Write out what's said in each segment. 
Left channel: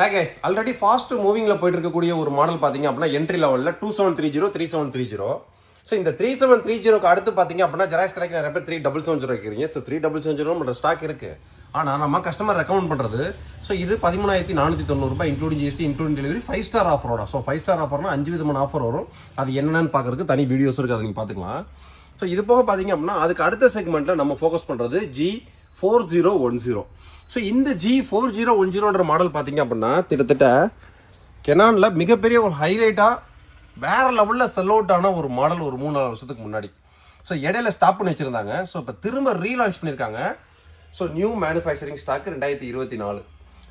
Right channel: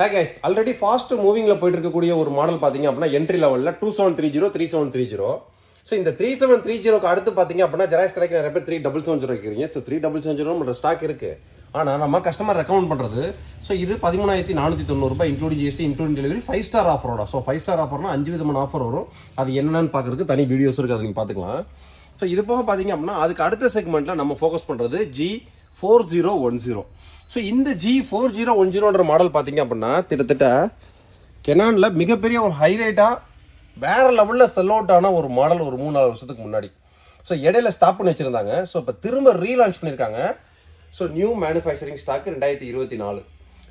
Hi guys, already fast moving la போயிட்டு இருக்கக்கூடிய ஒரு மாடல் பாத்தீங்க அப்படினா என்ட்ரி லெவல்ல 2730 3730. சோ இந்த 3730 க்கு அடுத்து பாத்தீங்க அப்படினா ஜெராக்ஸ் கடைக்கு நிறைய பேர் 3770 கேக்குறீங்க. சோ 3770 நம்ம ஸ்டாக் இருக்கு. ஆனா நம்ம கஸ்டமர் ரெக்கமெண்ட் பண்றது சோ இது 13490 ரூபாய் including G S T including delivery 5 star ஆஃபரோட. சோ 5 ஸ்டார் ஆஃபர்னா 5 விதமான ஆஃபர் வரும். அது என்னன்னு பாக்குறதுக்கு தனி வீடியோஸ் இருக்கு, அதை நீங்க பாத்துக்கலாம். சோ இது போக பாத்தீங்க அப்படினா அதுக்கு அடுத்த செக்மெண்ட்ல நம்ம ஃபோக்கஸ் பண்றது G4010. So, இந்த G4010 மாடல் பாத்தீங்க அப்படின்னா கிட்டத்தட்ட கெனான்ல மிகப்பெரிய ஒரு ஹைலைட்டா வேற லெவல்ல செல் அவுட் ஆன ஒரு மாடல் ஒரு 3-4 வருஷத்துக்கு முன்னாடி. சோ இடையில ஸ்டாப் பண்ணி வச்சிருந்தாங்க. சோ இப்ப திரும்ப ரீலான்ச் பண்ணிருக்காங்க. So new manufacturing stock 2024.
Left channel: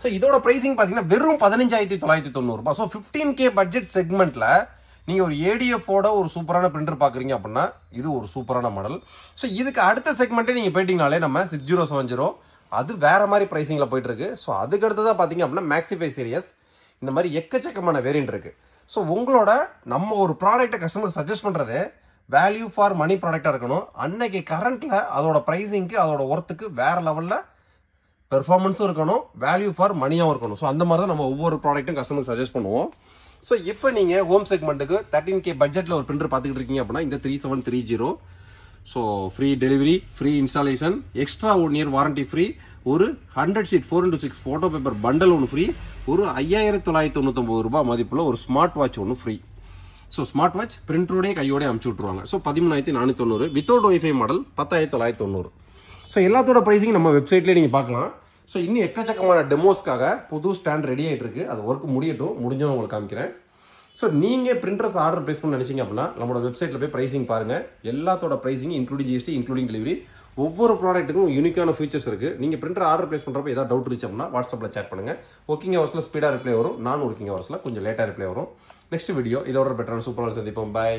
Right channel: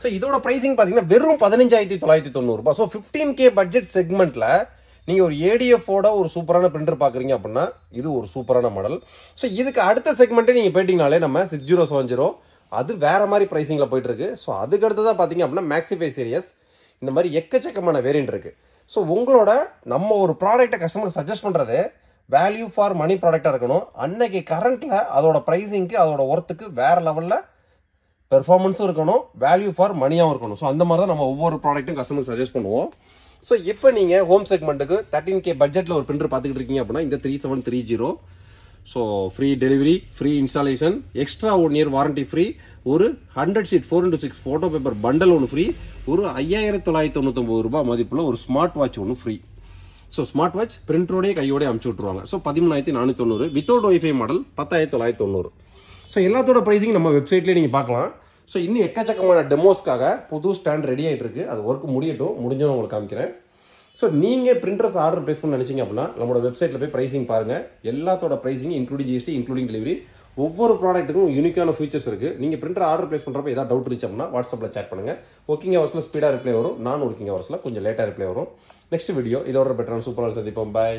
So இதோட பிரைசிங் பாத்தீங்கன்னா வெறும் 15990 ரூபாய். சோ 15K பட்ஜெட் செக்மெண்ட்ல நீங்க ஒரு ADF ஓட ஒரு சூப்பரான பிரிண்டர் பாக்குறீங்க அப்படின்னா இது ஒரு சூப்பரான மாடல். சோ இதுக்கு அடுத்த செக்மெண்ட் நீங்க போயிட்டீங்கனாலே நம்ம 6070 அது வேற மாதிரி பிரைசிங்ல போயிட்டு இருக்கு. சோ அதுக்கு அடுத்ததான் பாத்தீங்க அப்படின்னா மேக்ஸிஃபை சீரியஸ் இந்த மாதிரி எக்கச்சக்கமான வேரியன்ட் இருக்கு. சோ உங்களோட நம்ம ஒரு ப்ராடக்ட்டை கஸ்டமர் சஜஸ்ட் பண்றது வேல்யூ ஃபார் மணி ப்ராடக்ட்டா இருக்கணும். அன்னைக்கு கரண்ட்ல அதோட பிரைசிங்க்கு அதோட ஒர்த்துக்கு வேற லெவல்ல பெர்ஃபார்மன்ஸும் இருக்கணும், வேல்யூ ஃபார் மணியாவும் இருக்கணும். சோ அந்த மாதிரி தான் நம்ம ஒவ்வொரு ப்ராடக்ட்டும் கஸ்டமர் சஜஸ்ட் பண்ணுவோம். சோ இப்போ நீங்க ஹோம் செக்மெண்ட்டுக்கு 13K பட்ஜெட்ல ஒரு பிரிண்டர் பாத்துக்கிட்டு இருக்கீங்க அப்படின்னா இந்த 3730. So, free delivery, free installation, extra 1 year warranty free, ஒரு 100 sheet 4x6 photo paper bundle ஒன்று free, ஒரு 5999 ரூபாய் மதிப்புல ஒரு ஸ்மார்ட் வாட்ச் ஒன்று free. So, ஸ்மார்ட் வாட்ச் பிரிண்டரோட கையோட அமுச்சு விட்டுருவாங்க. So, 13490 without wifi model 10990. So, எல்லாத்தோட பிரைசிங் நம்ம வெப்சைட்லயே நீங்க பார்க்கலாம். So, இன்னும் எக்கச்சக்கமான டெமோஸ்க்காக புது ஸ்டாண்ட் ரெடி ஆயிட்டு இருக்கு. அது ஒர்க் முடியட்டும், முடிஞ்சோன்னு உங்களுக்கு காமிக்கிறேன். சோ நீங்க பிரிண்டர்ஸ் ஆர்டர் பிளேஸ் பண்ண நினைச்சீங்க அப்படின்னா நம்மளோட வெப்சைட்ல போய் பிரைசிங் பாருங்க. எல்லாத்தோட pricing including G S T including delivery ஒவ்வொரு ப்ராடக்ட்டுக்கும் யூனிக்கான ஃபீச்சர்ஸ் இருக்கு. நீங்க பிரிண்டர் ஆர்டர் பிளேஸ் பண்றப்ப ஏதாவது டவுட் இருந்துச்சு அப்படின்னா வாட்ஸ்அப்ல சேட் பண்ணுங்க. ஒர்க்கிங் ஹவர்ஸ்ல ஸ்பீடா ரிப்ளை வரும், நான் ஒர்க்கிங் ஹவர்ஸ்ல கொஞ்சம் லேட்டா ரிப்ளை வரும். நெக்ஸ்ட் வீடியோ இதோட பெட்டரான சூப்பரான சந்திப்போம். பை.